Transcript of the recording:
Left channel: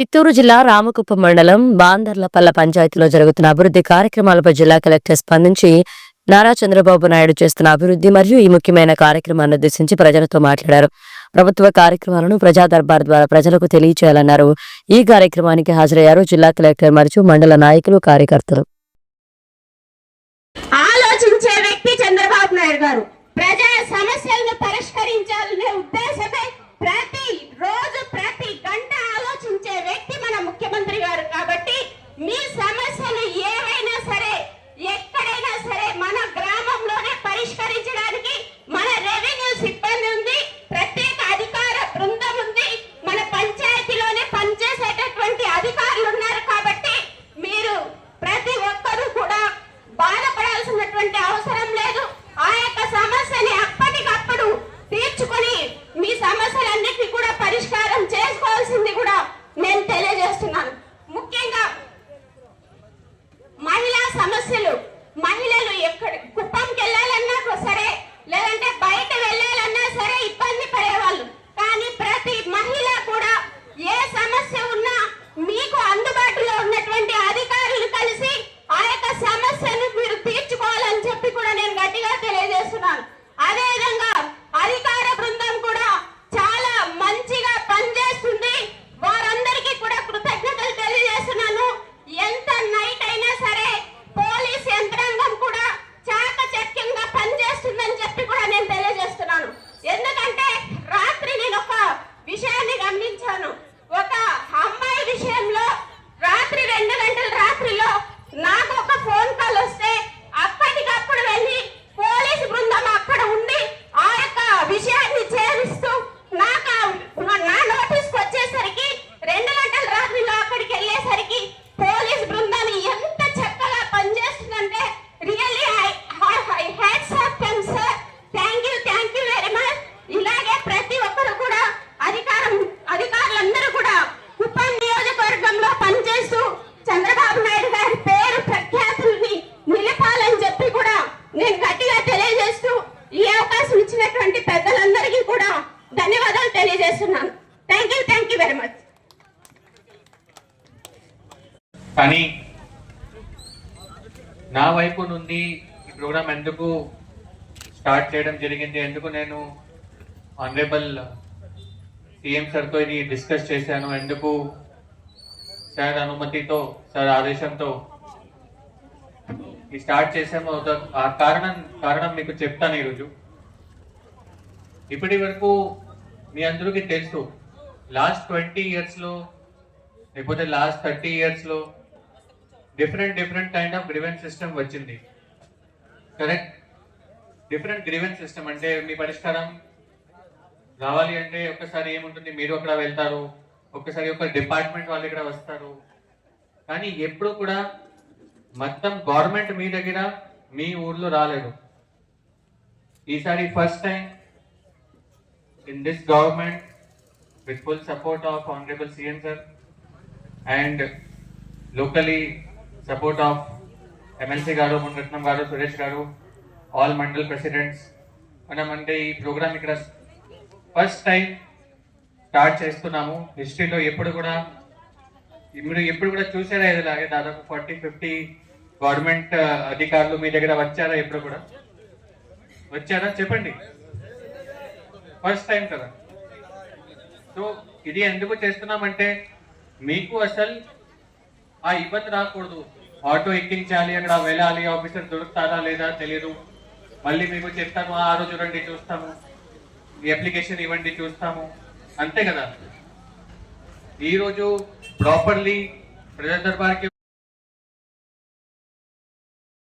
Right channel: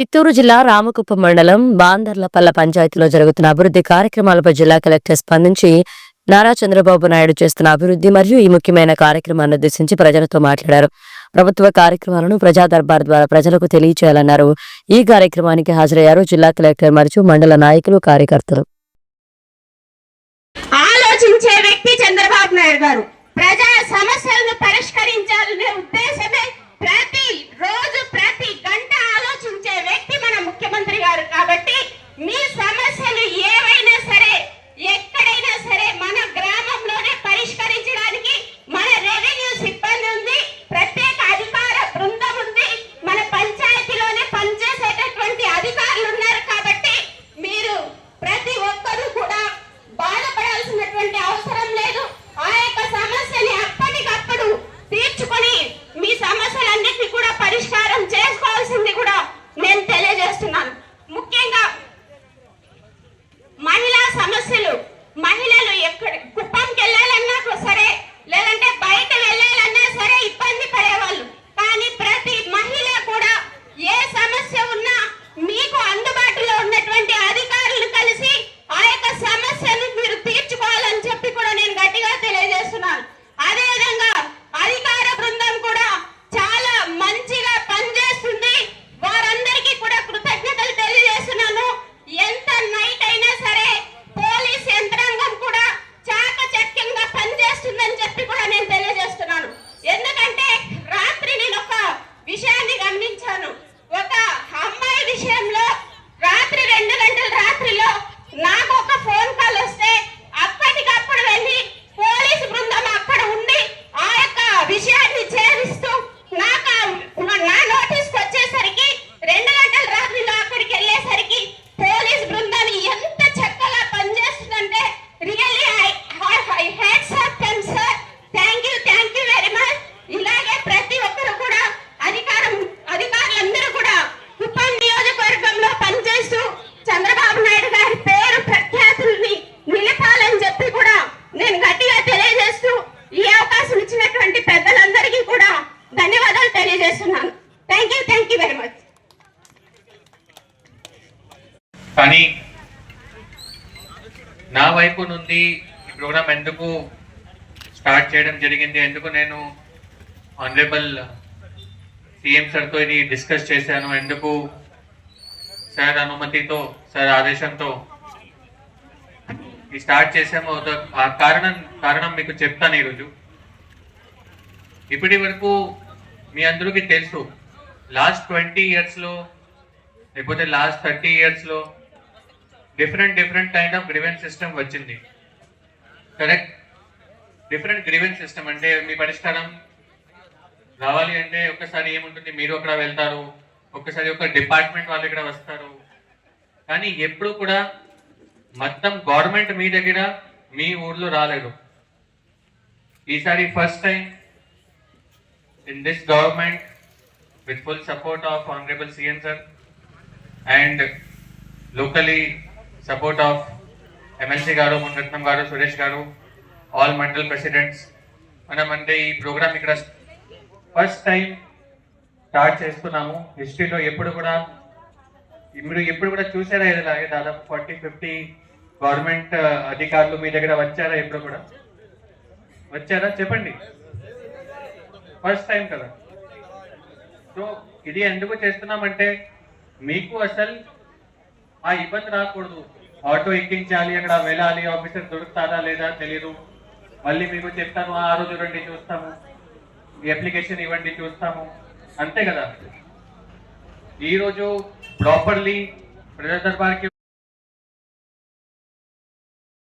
చిత్తూరు జిల్లా రామకుప్పం మండలం బాందర్లపల్ల పంచాయతీలో జరుగుతున్న అభివృద్ధి కార్యక్రమాలపై జిల్లా కలెక్టర్ స్పందించి నారా చంద్రబాబు నాయుడు చేస్తున్న అభివృద్ధి మరియు ఈ ముఖ్యమైన కార్యక్రమాన్ని ఉద్దేశించి ప్రజలతో మాట్లాడారు. ప్రభుత్వ కార్యక్రమాలను ప్రజా దర్బార్ ద్వారా ప్రజలకు తెలియచేయాలన్నారు. ఈ కార్యక్రమానికి హాజరయ్యారు జిల్లా కలెక్టర్ మరియు మండల నాయకులు, కార్యకర్తలు. ఆలోచించే వ్యక్తి చంద్రబాబు నాయుడు గారు. ప్రజా సమస్యలను పరిష్కరించాలనే ఉద్దేశమే ప్రతి రోజు ప్రతి గంట ఆలోచించే వ్యక్తి మన ముఖ్యమంత్రి గారు. కాబట్టి మీ సమస్యలు ఏవైనా సరే ఎక్కడైనా సరే మన గ్రామంలోనే పరిష్కరించడానికి మన రెవెన్యూ సిబ్బంది ఉంది, ప్రత్యేక అధికార బృందం ఉంది, మన పంచాయతీలోనే పనిచేసేటటువంటి అధికారులు ఉన్నారు. కాబట్టి మీరు ప్రతి ఒక్కరూ కూడా బాధపడాల్సినటువంటి అవసరం లేదు. ఆ యొక్క సమస్యని అప్పటికప్పుడు తీర్చుకొని మీ సమస్యలన్నిటినీ కూడా పరిష్కారం చేసుకోవాల్సింది కూడా నేను తెలియజేస్తున్నాను. ముఖ్యంగా మహిళా సమస్యలు, మహిళలు ఎక్కడ కుప్పంకి వెళ్ళాలన్నా సరే, లేదంటే బయట వెళ్ళాలన్నా సరే ఇబ్బంది పడేవాళ్ళు. కానీ ప్రతి మహిళ కూడా ఏ సమస్య ఉన్నా మీకు అందుబాటులో ఉన్నటువంటి అధికారులు కలిసి ఆ యొక్క సమస్యను మీరు తీర్చుకోవాలని చెప్పి కూడా నేను గట్టిగా తెలియజేస్తున్నాను. అదేవిధంగా అధికార బృందం కూడా చాలా మంచిగా పనిచేస్తుంది. వారందరికీ కూడా కృతజ్ఞతలు తెలియజేస్తున్నాను. ఎంత నైట్ అయినా సరే పోలీస్ యంత్రాంగం కూడా చాకచక్యంగా పనిచేస్తుందని చెప్పి కూడా నేను తెలియజేస్తున్నాను. ఎందుకంటే రాత్రి నేను ఒక విషయాన్ని గమనించాను. ఒక అమ్మాయి విషయంలో రాత్రి 2 గంటల రాత్రిలో నాకు ఒక ఫోన్ కాల్ వస్తే అప్పటికప్పుడు వెళ్ళి పోలీసు బృందం అక్కడ ఉండి ఆ యొక్క విషయాన్ని ఛేదిస్తూ నా నోటీస్కి వచ్చేసరికి 2 గంటల రాత్రిలో అక్కడికి వెళ్ళేసరికి పోలీసు బృందాన్ని ఎంత చక్కగా పనిచేస్తుందంటే really I hats off them sir. Thank you very much. ఇలాగే ప్రతి ఒక్కరు కూడా అధికారులందరూ కూడా కుప్పం నియోజకవర్గంలో పనిచేస్తూ చంద్రబాబు నాయుడు గారి పేరు ప్రఖ్యాతుల్ని నిలపాలని చెప్పి కూడా నేను గట్టిగా తెలియజేస్తూ ఈ అవకాశం ఇచ్చినటువంటి పెద్దలందరికీ కూడా ధన్యవాదాలు తెలియజేస్తున్నాను. Thank you very much. కానీ నా వైపు నుండి ఈ ప్రోగ్రామ్ ఎందుకు స్టార్ట్ చేయడం జరిగింది, ఎందుకు నేను ఆనరబుల్ సీఎం సార్తో ఇది డిస్కస్ చేశాను, ఎందుకు సార్ అనుమతితో, సార్ ఆదేశంతో ఈ స్టార్ట్ చేసాము, ఆ కారణం మీకు చెప్తాను. ఈరోజు ఇప్పటి వరకు మీ అందరికీ తెలుసు, లాస్ట్ 20 yearsలో లేకపోతే లాస్ట్ 30 yearsలో different kind of grievance system వచ్చింది. కరెక్ట్? డిఫరెంట్ గ్రీవెన్స్ సిస్టమ్ అంటే మీ పరిష్కారం రావాలి అంటే ఒక్కసారి ఏముంటుంది, మీరు అక్కడ వెళ్తారు, ఒక్కసారి ఒక డిపార్ట్మెంట్ వాళ్ళు ఇక్కడ వస్తారు. కానీ ఎప్పుడు కూడా మొత్తం గవర్నమెంట్ మీ దగ్గర మీ ఊర్లో రాలేదు. ఈసారి first time in this government with full support of honourable CM sir and locally support of MLC గారు, మునరత్నం గారు, సురేష్ గారు, ఆల్ మండల్ ప్రెసిడెంట్స్, మనమంటే ఈ ప్రోగ్రామ్ ఇక్కడ ఫస్ట్ టైం స్టార్ట్ చేస్తున్నాము. హిస్టరీలో మీరు ఎప్పుడు కూడా చూసారా ఇలాగే దాదాపు 40-50 గవర్నమెంట్ అధికారులు మీ దగ్గర వచ్చారా? ఎప్పుడు కూడా వచ్చారా? చెప్పండి. ఫస్ట్ టైం కదా. సో ఇది ఎందుకు చేస్తున్నామంటే మీకు అసలు ఆ ఇబ్బంది రాకూడదు. ఆటో ఎక్కించాలి, అక్కడ వెళ్ళాలి, ఆఫీసర్ దొరుకుతారా లేదా తెలియదు, మళ్ళీ మీకు చెప్తాను ఆ రోజు రండి చూస్తాము, అప్లికేషన్ ఇవ్వండి చూస్తాము, అంతే కదా. ఈరోజు ప్రాపర్లీ ప్రజా దర్బార్కి